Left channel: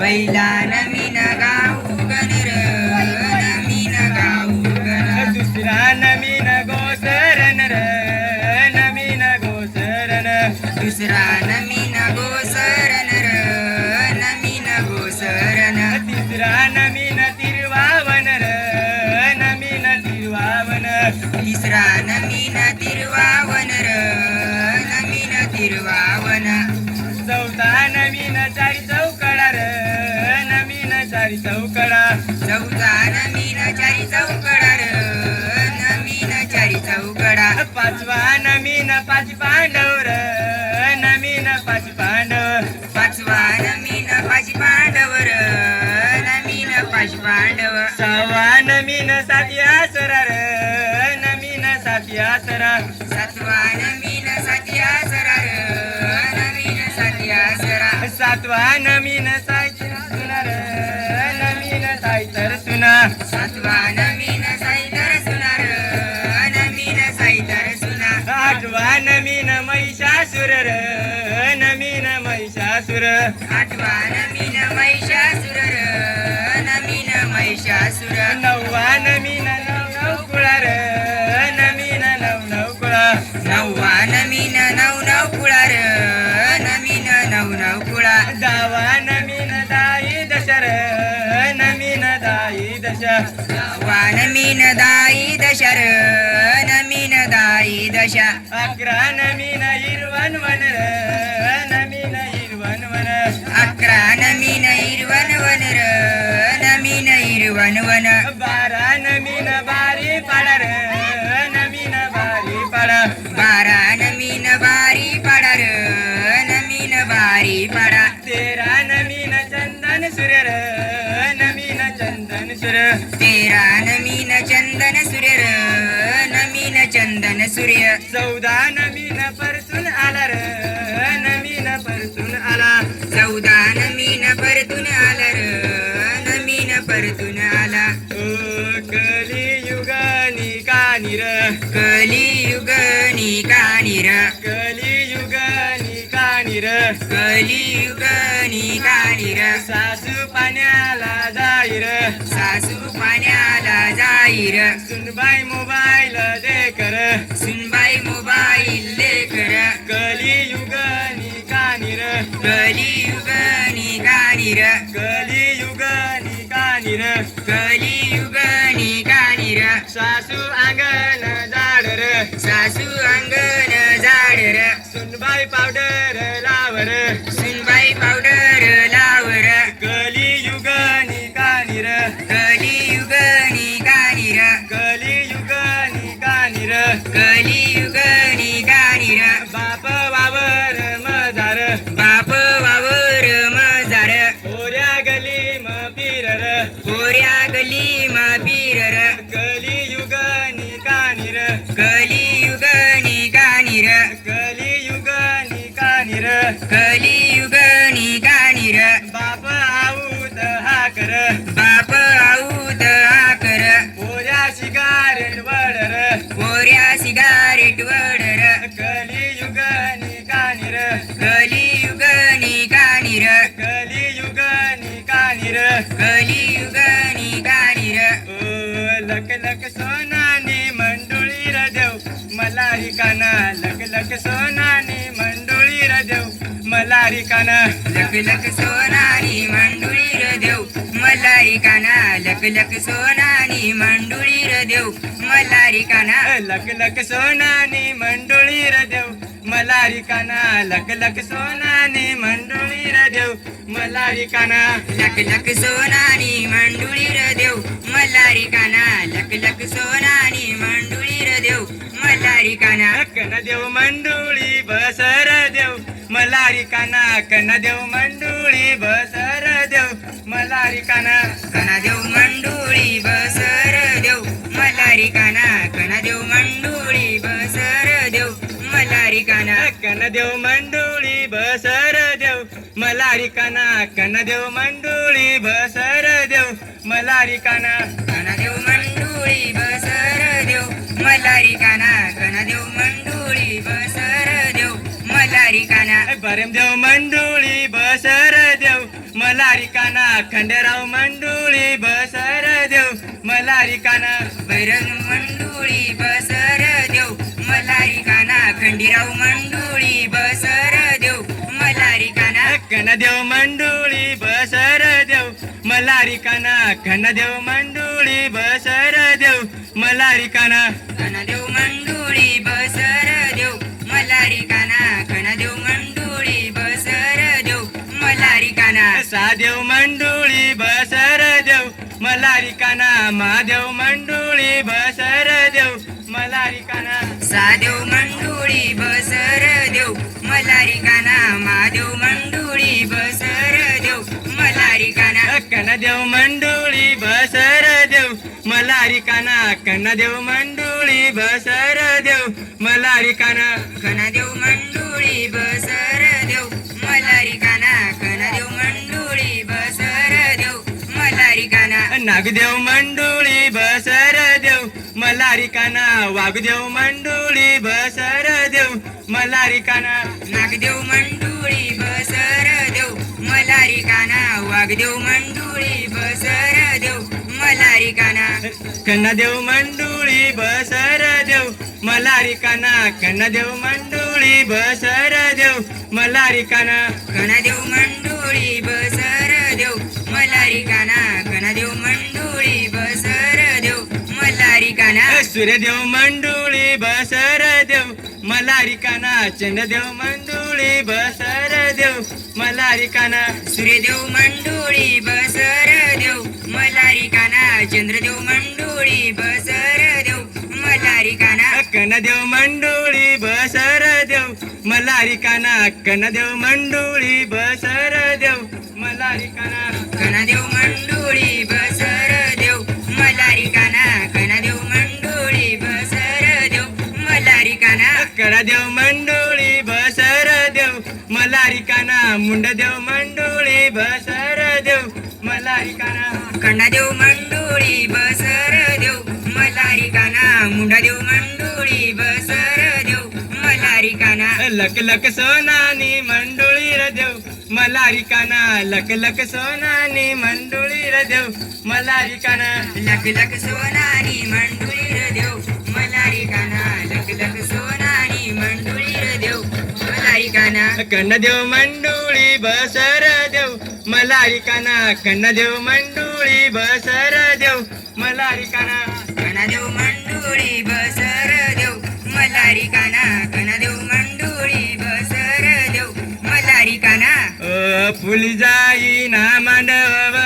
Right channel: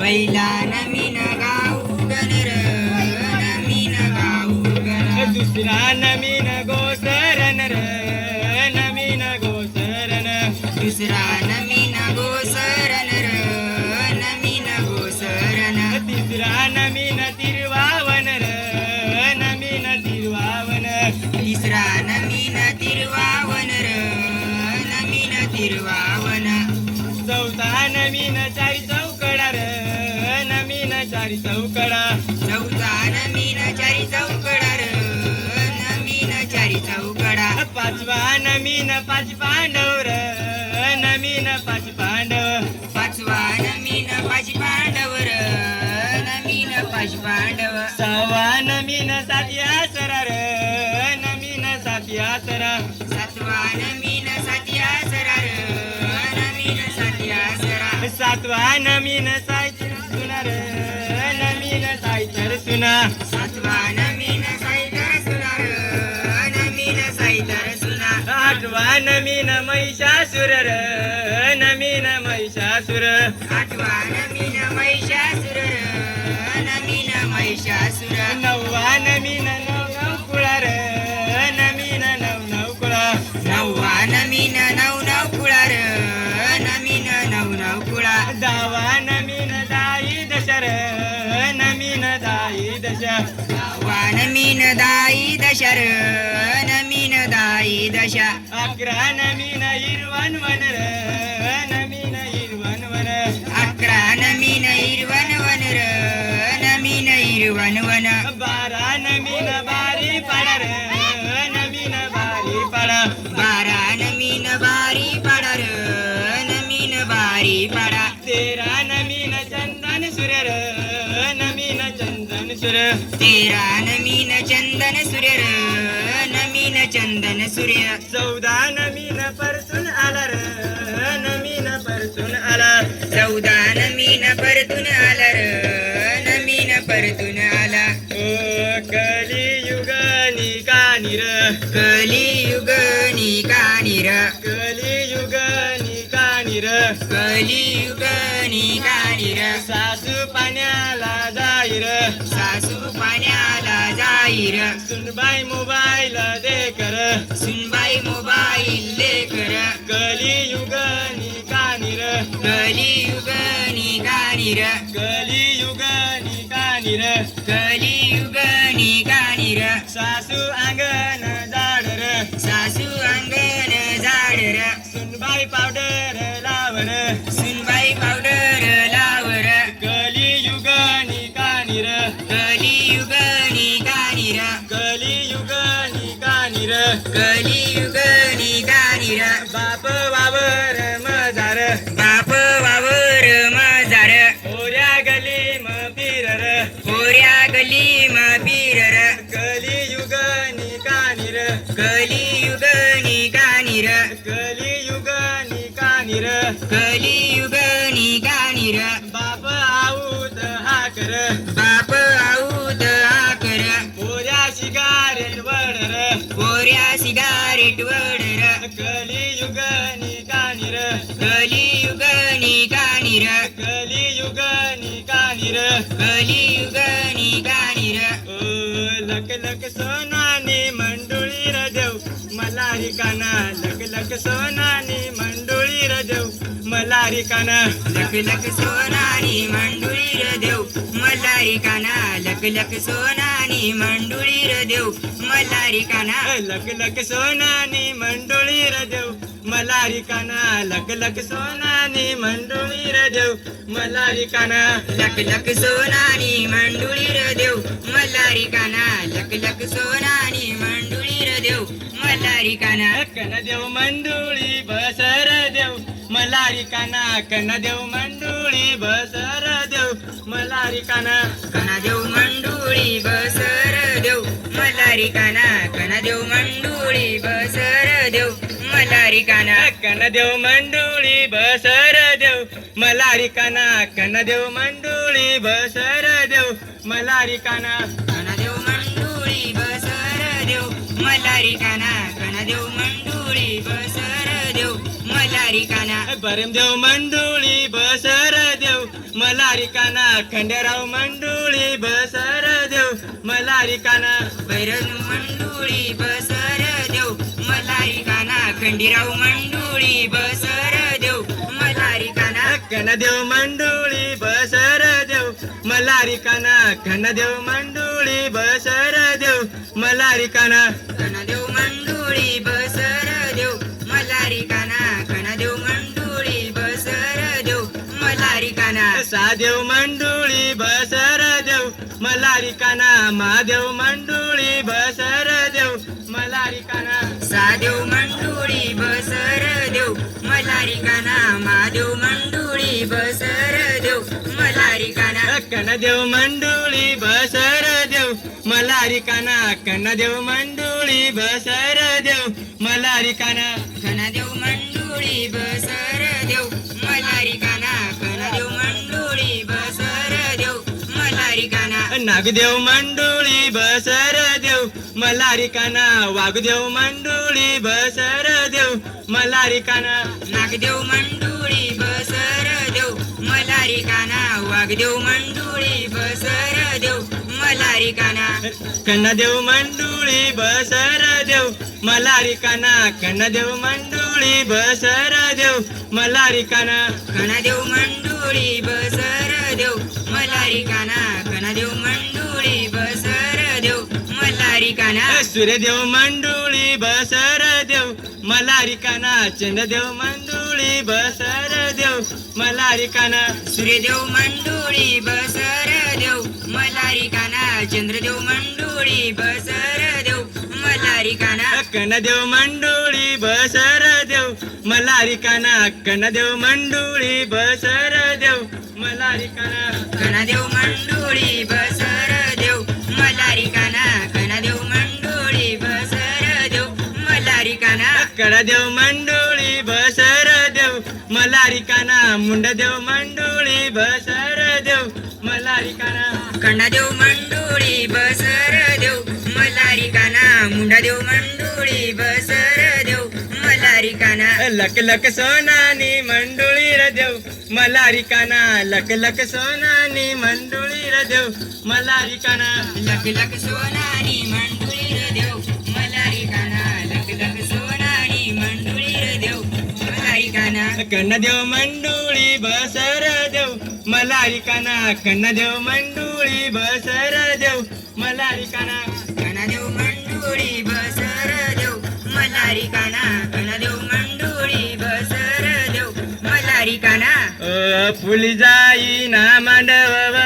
पहिला नवीन गाऊ गण नवीन गाव दुसरा नवीन गोसरण र नवीन गोसरण दुसरा तिरवावन तिसरा नमीन तिरवावन र, नमीन तिरवावन. चौथा नवीन चारी चौकडा र नवीन चारी चौकडा चौथा नमीन चारी चौकडा र, नमीन चारी चौकडा. पाचवा नवीन पाच पांडव र नवीन पाच पांडव पाचवा नमीन पाच पांडव र, नवीन पाच पांडव. सहावा नवीन साती नवीन सायची सुना र नवीन सायतर सुना सातवा नवीन साईतर सुना र, नवीन साईतर सुना. आठवा नवीन महिषासुर र नवीन महिषासुर आठवा नवीन महिषासुर र, नवीन महिषासुर. दश. अकरा नवीन हिरवण वन र नवीन हिरवण वन अकरा नवीन हिरवण वन र, नवीन हिरवण वन. बारा पाडा र बारी पाडा बारा पाडा र, नवीन बारी पाडा. तेरा नवीन चंदन सूर्य र नवीन चंदन तेरा saudade na minha. जाईर सुनबाई मोबाईल दे कर. सुनबाई मोबाईल लेकर कलियुगानी कानी र कलियुग निकानी र, कलियुगानी कानी र कलियुग निकानी र. सासू अंगण सोनानी मंडुळी र देव मला रिकाना लक लक सोनानी मंडुळी र देव मल्हारी काना. लक लक सोनानी मंडुळी र देव मल्हारी काना. लक लक सोनानी मंडुळी र देव मला रिकाना लक लक सोनानी मंडुळी र देव मला रिकाना लक लक सोनानी मंडुळी देव मल्हारी काना. लक लक सोनानी मंडुळी मल्हारी काना कन देव मंडुळी बसर देव मला रिकाना कन देव मंडुळी बसर देव मला रिकाना कना देव मंडुळी बसर देव मल्हारी काना कना देव मंडुळी बसर देव मल्हारी काना कन देव मंडुळी बसर देव मलारी काना कना देव मंडोळी बसर देव मलारी काना करमदेव बरम मंडोळी बसर देव. मलारी काना खंडेराव मंडोळी बसर देव. मलारी काना बैरन मंडोळी बसर देव. मलारी काना खंडीराव मंडोळी बसर देव. मलारी काना कना देव बसर देव. मलारी काना कना देव बसर देव. मलारी काना मंडळी सादेव मंडोळी बसर देव मलारी काना महादेव मंडोळी बसर देव मलारी काना सादेव मंडोळी बसर देव मलारी काना महादेव मंडोळी बसर देव मलारी काना कना देव मंडोळी बसर देव मलारी काना कना देव मंडोळी बसर देव मलारी काना काना देव मंडोळी बसर नागदेव मंडुळी बसर देव मलारी काना वाघदेव मंडोळी बसर देव मलारी रिकाना नागदेव मंडुळी बसर देव मलारी काना वाघदेव मंडुळी बसर देव मलारी काना कन्नादेव मंडुळी बसर देव मलारी काना कन्नादेव मंडुळी बसर देव मलारी काना कणादेव मंडुळी बसर देव मलारी काना मंडोळी बसर देव सूर्यदेव मंडोळी बसर देव मलारी काना. चंद्रदेव मंडोळी बसर देव मलारी काना. सूर्यदेव मंडोळी बसर देव मलारी काना. चंद्रदेव मंडोळी बसर देव मलारी काना कनदेव मंडोळी बसर देव मलारी काना. कनदेव मंडोळी बसर देव मलारी काना. कणादेव मंडोळी बसर देव मलारी काना कणादेव मंडोळी बसर देव मलारी काना कडादेव मंडोळी बसर देव मलारी काना मुंडदेव मंडोळी बसर देव मलारी काना कणादेव मंडोळी बसर देव मलारी काना मुंडादेव मंडोळी बसर देव मलारी काना लक लक सोनानी मंडोळी र देव मलारी काना लक लक सोनानी मंडोळी र देव मला रिकाना लख लख सोनारी मंडोळी र देव मला रिकाना लख लख सोनारी मंडोळी र देव रिकाना कन्न देव मंडोळी बसर देव मला रिकाना कन्न देव मंडोळी बसर देव मला रिकाना कणादेव मंडोळी बसर देव मलारी काना कणादेव बसर देव मला रिकाना ओ फुल जाई ना मांडव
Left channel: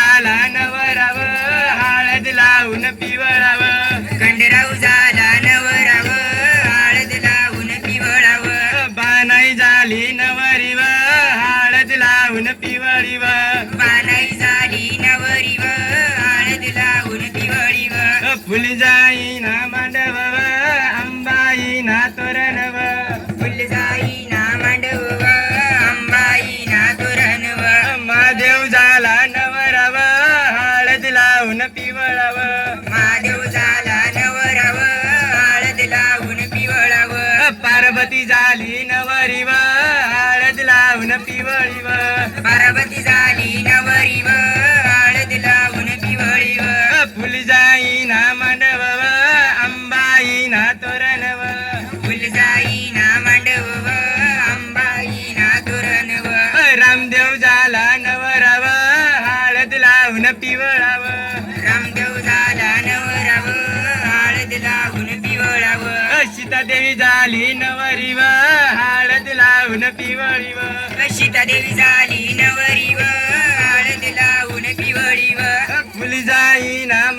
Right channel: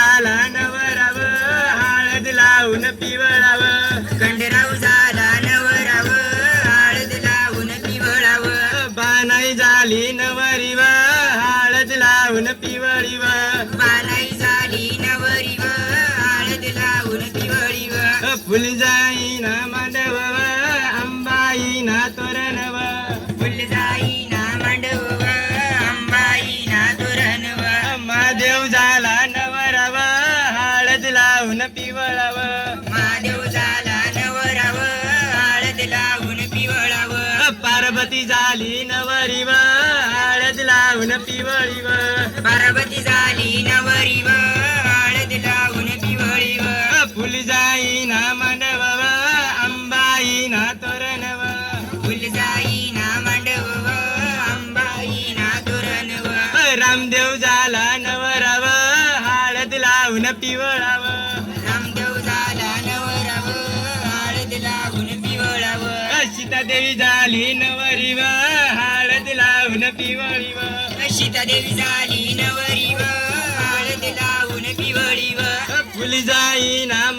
झाला नवराव हळद लावून पिवळाव. खंडराव झाला नवराव हळद लावून पिवळाव. बानाई झाली नवरीव हळद लावून पिवळीव. बानाई झाली नवरीव हळद लावून पिवळीव. फुल जाई ना झाली नवरीव हळद लावून पिवळीव. पार्वती झाली नवरीव हळद लावून पिवळीव. फुल जाई ना मांडव अंबाई ना तोरणव. फुलजाई ना मांडव अंबाई ना तोरणव. रामदेव झाला नवराव हळद लावून पिवळाव. सीतादेवी झाली नवरीव हळद लावून पिवळीव सीतादेवी झाली नवरीव हळद लावून पिवळीव फुल जाई ना